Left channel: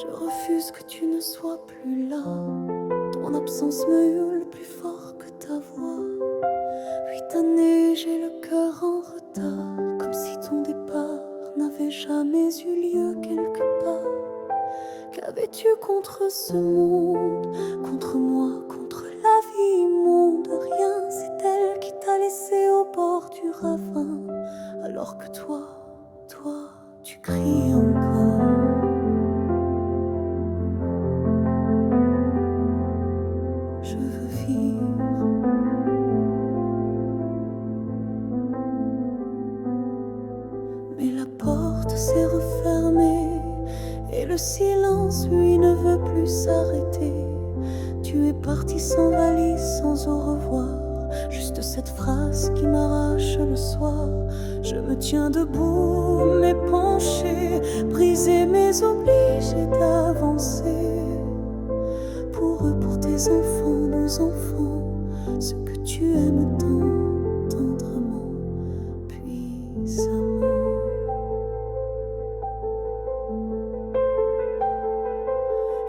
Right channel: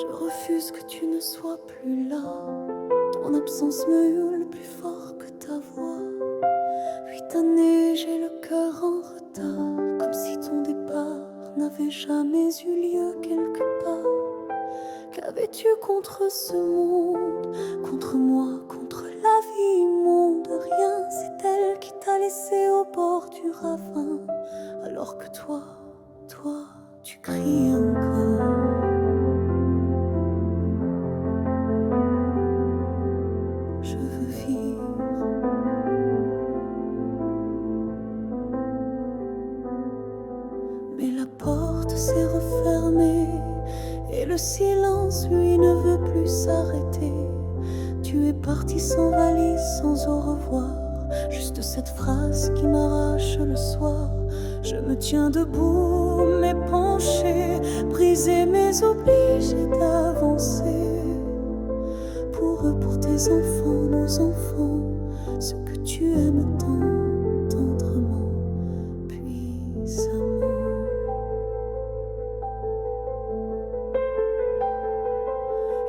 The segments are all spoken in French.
Je refuse que tu ne sois plus là. Ton absence me hurle plus fort que ta voix. 8 années, j'ai le cœur en retard, comme si ton départ n'avait jamais eu lieu quelque part. Qu'avais-tu contre ce monde, contre moi, contre la vie immonde? Rien, c'est elle qui t'a laissé au bord du ravin, alors que toi, tu criais encore. Je veux vivre. Mais la porte s'est refermée et le silence, lui, ne veut plus s'arrêter. Tu es parti sans valise, sans au revoir. Juste cette phrase qui m'arrache le soir. Je me tiens debout, mais penché, brisé mais obligé d'avancer. Pour eux, pour tes enfants, nos enfants, ce que tu aimes tant, tendrement, puissamment.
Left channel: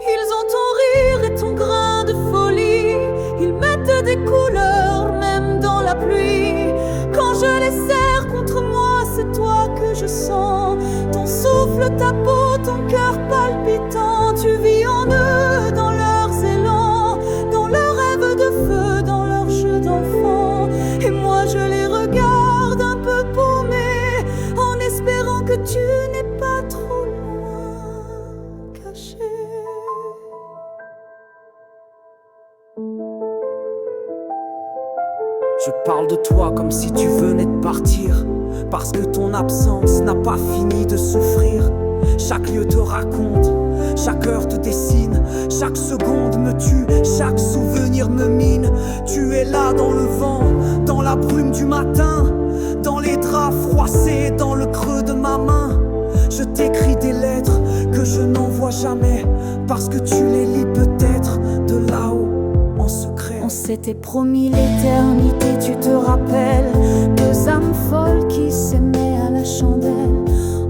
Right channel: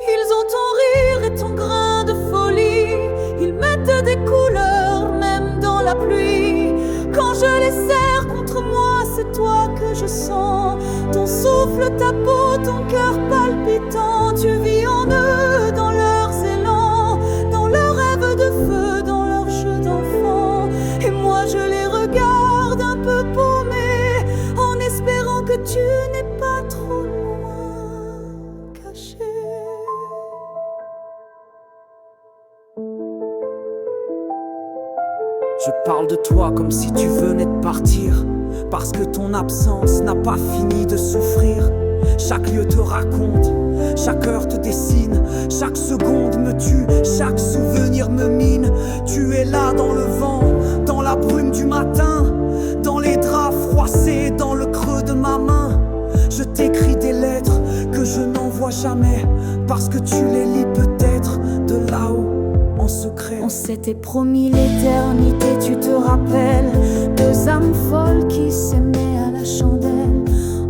Ils ont ton rire et ton grain de folie. Ils mettent des couleurs même dans la pluie. Quand je les serre contre moi, c'est toi que je sens. Ton souffle, ta peau, ton cœur palpitant. Tu vis en eux, dans leurs élans, dans leurs rêves de feu, dans leurs jeux d'enfants. Et moi je les regarde un peu paumés, en espérant que tu n'es pas trop loin, caché. Je parle de toi comme si tu venais de partir, parce que ton absence n'a pas fini de souffrir. Chaque lieu te raconte, chaque heure te dessine, chaque seconde me tue, chaque souvenir me mine. Tu es là dans le vent, dans la brume du matin, dans les draps froissés, dans le creux de ma main. Je t'écris des lettres que je n'envoie jamais, parce que tu les lis peut-être de là-haut. En secret. On s'était promis l'éternité, tu te rappelles? Deux âmes folles qui s'aimaient à la chandelle.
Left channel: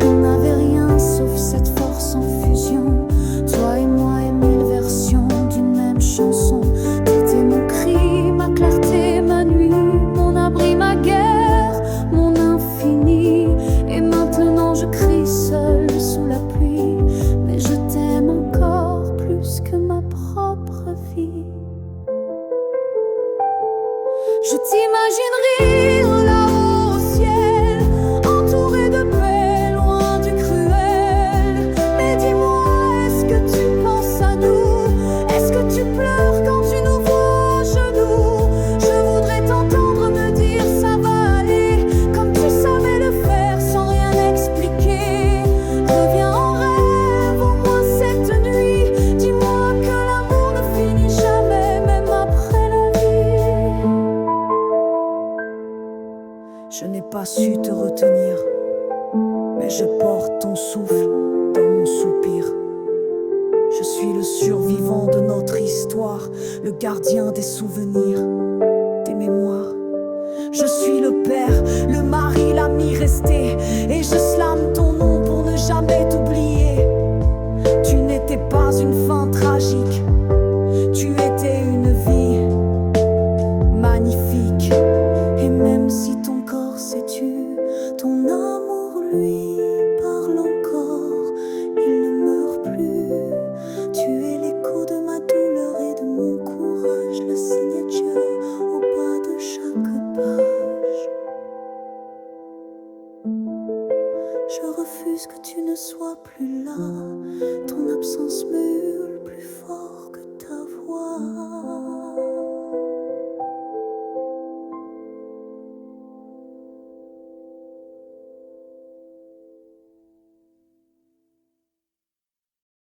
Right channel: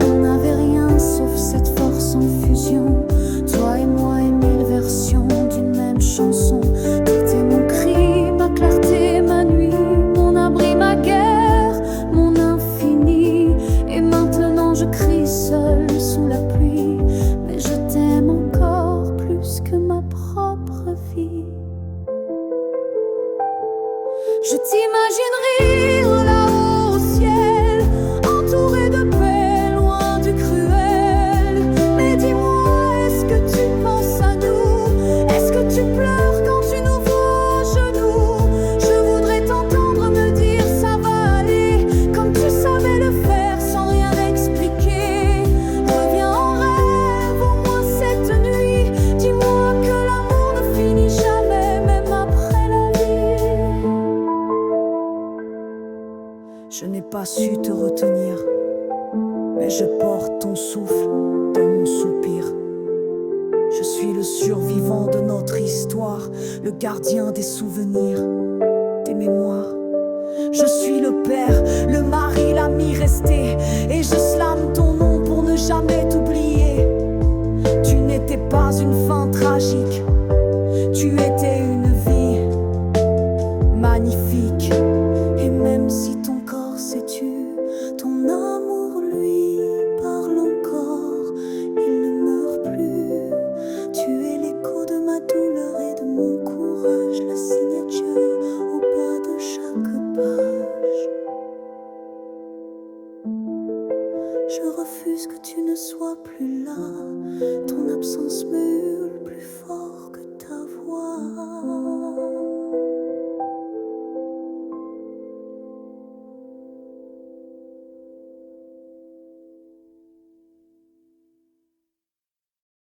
On n'avait rien sauf cette force en fusion. Toi et moi et 1000 versions d'une même chanson. T'étais mon cri, ma clarté, ma nuit, mon abri, ma guerre, mon infini. Et maintenant je crie seul sous la pluie, mais je t'aime encore plus que ma propre vie. Je t'imagine rire là-haut au ciel, entouré de paix, loin du cruel. Mais dis-moi, est-ce que tu penses à nous? Est-ce que tu pleures quand tu nous vois à genoux? Je voudrais t'entendre me dire ça va aller, comme tu savais le faire sans rien expliquer. Reviens en rêve au moins cette nuit. Dis-moi que l'amour ne finit jamais, même après la vie. Je n'ai pas su te retenir, mais je porte ton souffle dans mon soupir. Je suis le survivant de notre histoire, le gardien des souvenirs, des mémoires. Je suis le père, le mari, l'ami resté, et je slame ton nom pour ne jamais t'oublier. Tu n'étais pas une fin tragique, tu étais une vie magnifique. Et même si ton corps s'est tu, ton amour lui parle encore. Il ne meurt plus. Tu es l'écho de ma douleur et de mon courage, la signature au bas de chaque page. Je refuse que tu ne sois plus là. Ton absence me hurle plus fort que ta voix.